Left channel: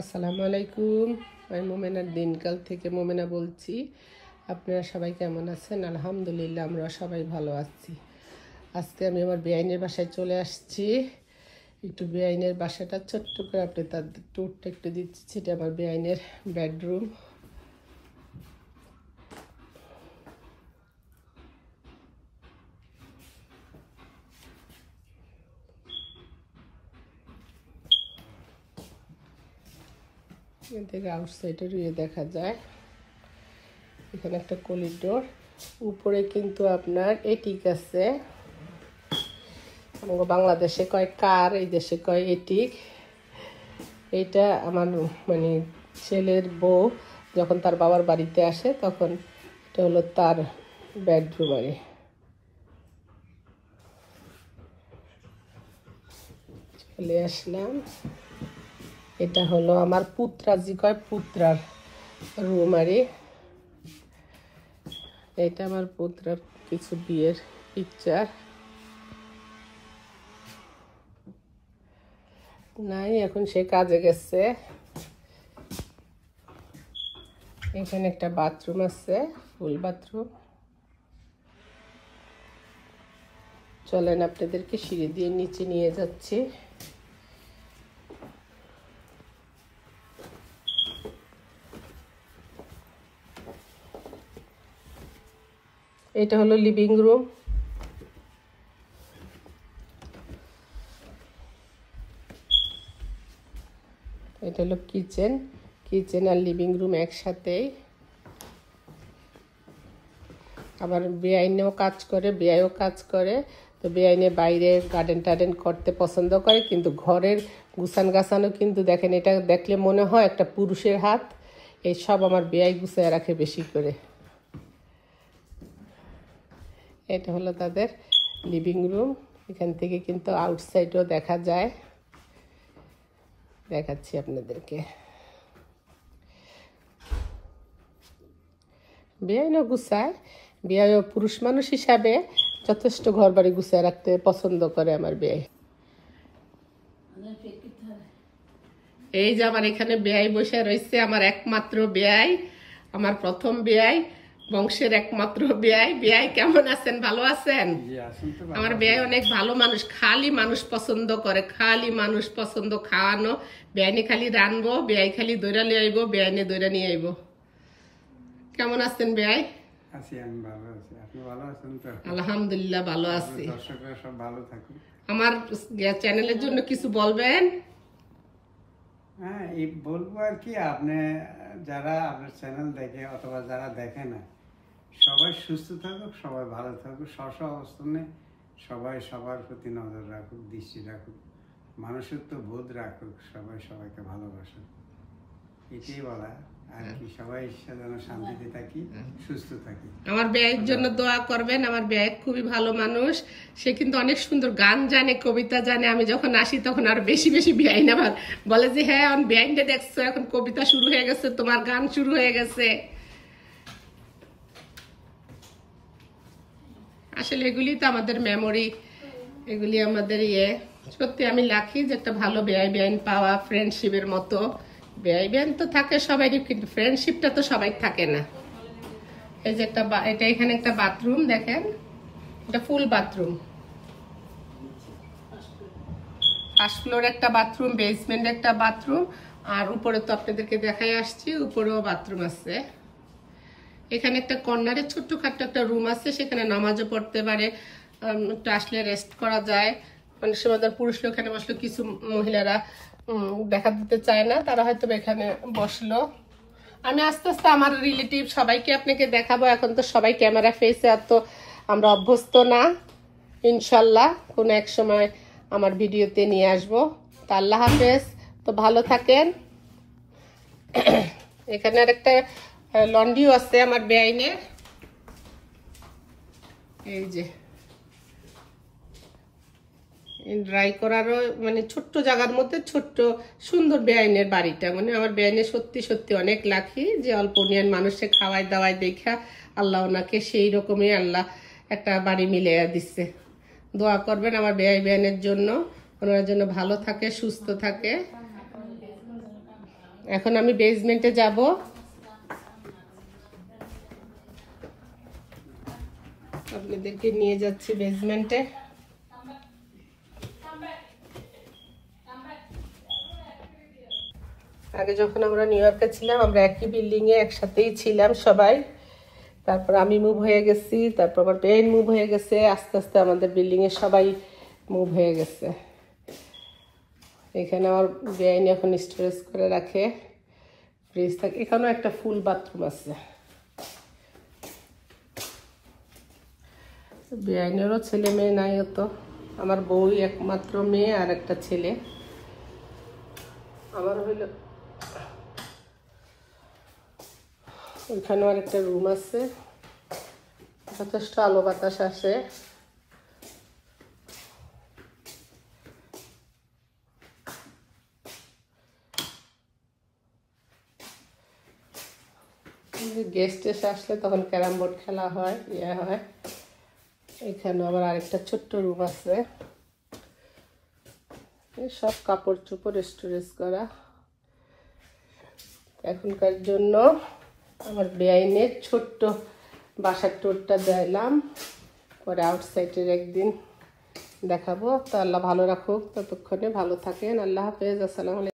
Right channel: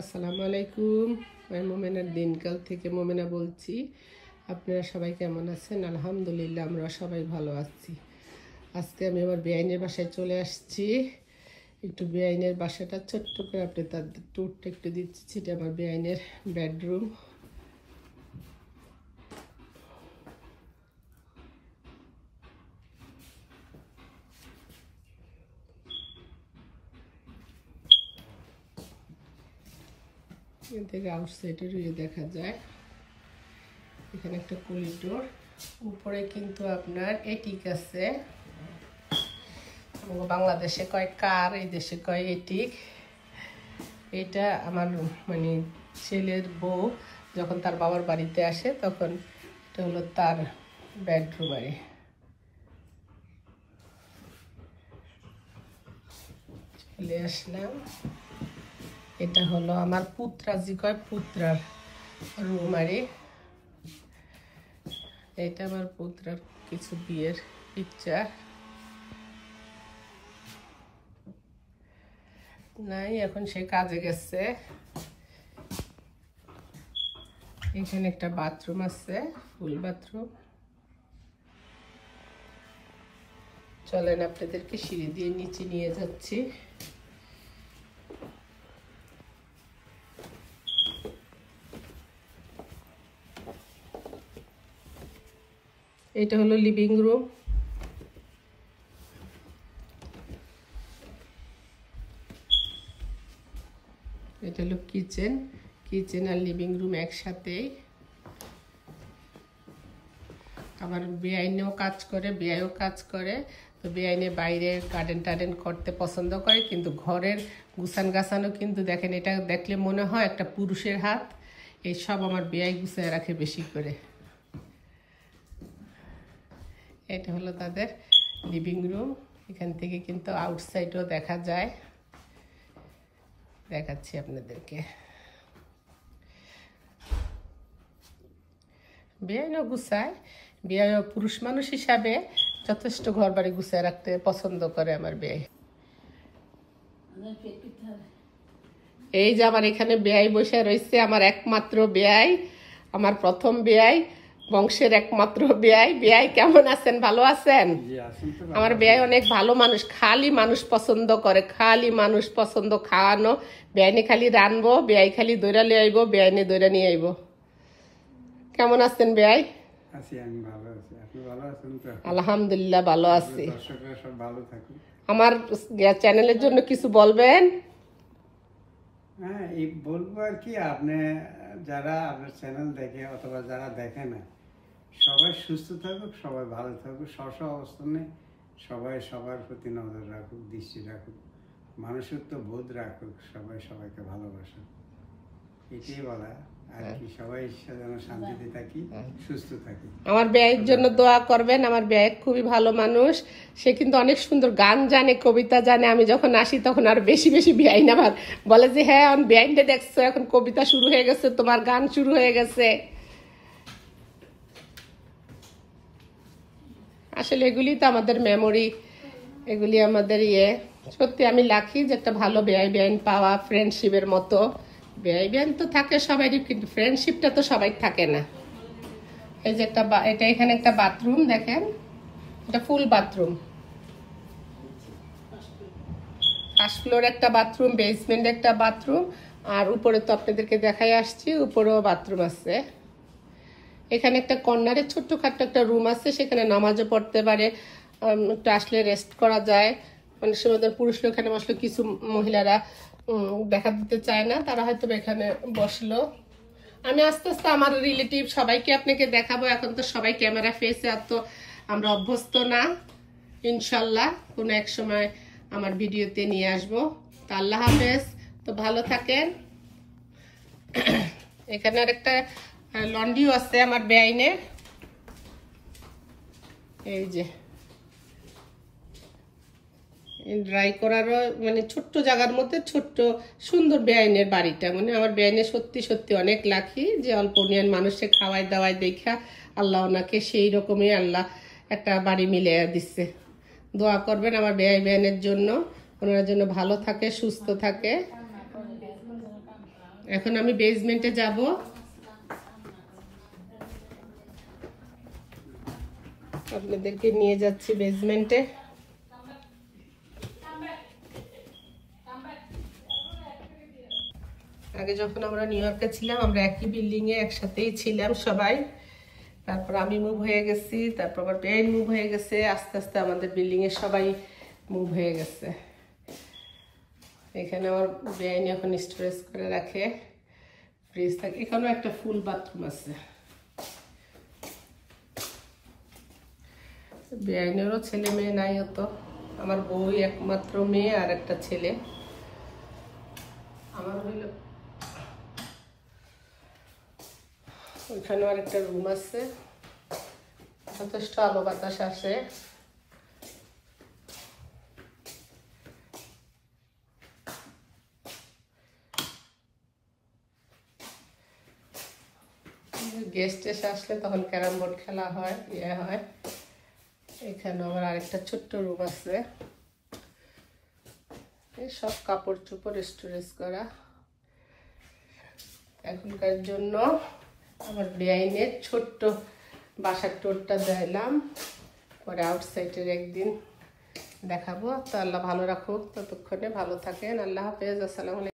আসসালামু আলাইকুম। আমি মোমেনার দিনকাল থেকে মোমেনা বলছি। আপনারা সবাই কেমন আছেন? আলহামদুলিল্লাহ, আমরা সবাই ভালো আছি। আজকে আমি আমার বেআইনের বাসায় চলে আসছি। একটু বেআইনের বাসাটা ছোট্ট করে আপনি তার ট্যুরটা একটু দিচ্ছি। সেটা আমার বেআইনের বেডরুম। এখান থেকে আউটসাইডে রুয়ে দেখা যায়। এখানে একটা করিডোর, উপরে কিন্তু আপনার এটিক আছে। বাংলাদেশে কয় কার, এই দেশে কয় এটিক। এইটা আমার মানে ছেলের বউ যখন তার বাবার বাড়িতে আসে তখন এটা হলো তার বেডরুম। আরে চলে আসলাম। এটা হলো আমার পুত্রাজি কয় পুত্রার রুম। আরে এটা আমার পুত্রার কিছু বিয়ের পিকচার নাই, এখন সে কাজে গেছে। এখানে একটা বাথরুম আছে, ফুল বাথরুম। চলেন আপনাদেরকে সিঁড়ি দিয়ে নিচে নিয়ে যাচ্ছি। এটা হলো লিভিং রুম। এটা হলো কিচেন। কিচেন আর লিভিং রুম একসাথেই। আবার বেআইনেও কাজ করে, বেআইও কাজ করে। তো বেআইনে বাইরে গার্ডেন টার্ডেন করতে পছন্দ করে, কিন্তু ঘরের গুছান গাছানো কিন্তু দেখেন, এটা দেখলে মনে হয় একটা পুরুষের হাত। এই সব আমার বেআই গুছায় রাখে বেশি করে। এটা হলো তাদের লিভিং রুম। এখান থেকে কিন্তু আউটসাইডও দেখা যায়, দেখাচ্ছি আপনাদেরকে। বেআইনও গুছায়, বেআইও পুরুষ মানুষ হিসাবে যথেষ্ট ঘর বাড়ি গুছায় রাখতে পছন্দ করে আমার বেআই। এই যে আমার এখানে বেআই বসে রয়েছে, আমার একমাত্র বেআই, আমার প্রথম বেআই, বংশের একমাত্র বেআই। বেআই কেমন আছেন? ভালো আছেন? আমার বেআই অনেক ভালো মানুষ, খালি মানুষ পছন্দ করে, খালি মানুষ পছন্দ খাওয়ানো। বেআইনে খালি রানবো, বেআই খালি দৈরা নিয়ে আইবো, বেআইনে দৈরা নিয়ে আইবো। কেমন আছেন বেআই? আলহামদুলিল্লাহ ভালো আছি। আমার চ্যানেলের জন্য কিছু বলবেন? হ্যাঁ, এই বলবো আর কি, আপনি যারা আপনার চ্যানেল দেখে অথবা যারা দেখে না, সবাই সুস্থ থাকুক, সবাই ভালো থাকুক, স্ব অবস্থানে সবাই সবার প্রতি নজর রাখুক, দৃষ্টি রাখুক, মানুষত্ব বোধ রাখুক, সবাই সবাইকে ভালোবাসুক, এটাই বলা আর কি। সবাই যেন শান্তিতে থাকি, সুস্থ থাকি। আমার বেআইয়ের জন্য দোয়া করবেন। আমার বেআই খুবই ভালো মানুষ, সে কিন্তু অনেক সুন্দর গান জানে, কবিতা জানে। আমি যখন আসি তখন আর বেশি বেশি বেআই না আমার বলে যে হ্যাঁ এখন বেআইনটা দেখছো, এখন কবিতা শুরু হয়ে গেছে, তোমার গান শুরু হয়ে গেছে। আসলে এগুলি তো আমাদের মেমোরি, এগুলি আমাদের ইয়ে। সত্যি আমি লাকি যে একটা ভালো বেআই বেআইন পাওয়া, ফ্রেন্ডশিপের মতো। বেআই বেআইন তো থাকে সবারই, কিন্তু ফ্রেন্ডশিপটা তো সবাই থাকে না। এই যে একটা এটা এখানে একটা বাথরুম দেখেন, এটা ফুল বাথরুম। ফার্স্ট ফ্লোর একটা বাথরুম, বেসমেন্ট একটা বাথরুম, আর উপরে তো আপনাদেরকে দেখাই আসছি, উপরেও বাথরুম আছে। এখানে একটা কর্নারে ছোট্টখাট্ট একটা রুম আছে, সেখানে নামাজও পড়তে পারে, একটু আসলে রেস্ট করা যায়। মানে সময় পুরুষ লোক এখানে বসলো, কিছু মহিলারা দেখা দিতে চায় না, তারা হয়তো এখানে বসলো। আমি আস্তে আস্তে আমার রিলেটিভ সবাইকে আপনাকে দেখাবো। এখন তো সবাই ক্যামেরা ফেসে এত আমরা অভ্যস্ত না। ইনশাল্লাহ কোনো এক সময় আমার ভিডিওতে নিয়ে আসবো। তা আল্লাহ হাফেজ, তো ভালো থাকেন। এখানে আর একটা লন্ড্রিও আছে আমার বেআইনের। এই যে ড্রাই করারও মানে ছোট্ট জায়গার মধ্যে ছোট্ট সুন্দর বেআইনের বাড়িটা। মানে আমার বেআইনের সত্যি সত্যি অনেক লাকি যে অল্প নিয়ন মানুষে খাওয়াই দাওয়াই দেখা আল্লাহ ওনাকে সেই রকমই আল্লাহ একটা বাড়ি মিলে দিচ্ছে। দোয়া করবেন আমার বেআই বেআইনের জন্য, ওনার জন্য ভালো থাকে, সুস্থ থাকে। এখন আমি বেসমেন্টে যাব। আপনাদেরকে নিয়ে যাচ্ছি বেসমেন্টে। আগে যখন আমরা নিউ ইয়র্কে ছিলাম, আমরা একই বিল্ডিং এ একসাথেই ছিলাম সবাই। তারপর আমি মুভ হয়ে গেছি, তারপর আমার বেন মুভ হয়ে গেছে, আস্তে আস্তে আমাদের বিল্ডিং এ সবাই মুভ হয়ে গেছে। এখানে আমার বেআইন এখন স্টোরেজ করে রাখে, ফ্রিজ থাকে। এখানেও একটা ফুল বাথরুম আছে। বেআইনেরও ছেলে মেয়ে নাই অত, আমার বউই একমাত্র মেয়ে আর একটা ছেলে। আমার হইল এখানেও আর একটা রুম আছে, যথেষ্ট আলো বাতাস আসে। গেস্ট এসে আসলে তখন ক্যারাম বোর্ড খেলা হয়, ইয়ে হয়। এখানে আবার আরেকটা ছোট্ট রুম আছে, সব কাপড় চোপড় স্টোরেজ করা। এখনকার জন্য আমার বেআইনের ছোট্ট বাসার টুরটা দিলাম, পরে আউটসাইডের একদিন দেখাবো। তো আল্লাহ ভালো রাখুক, ততক্ষণে ভালো থাকেন। আল্লাহ হাফেজ, আসসালামু আলাইকুম।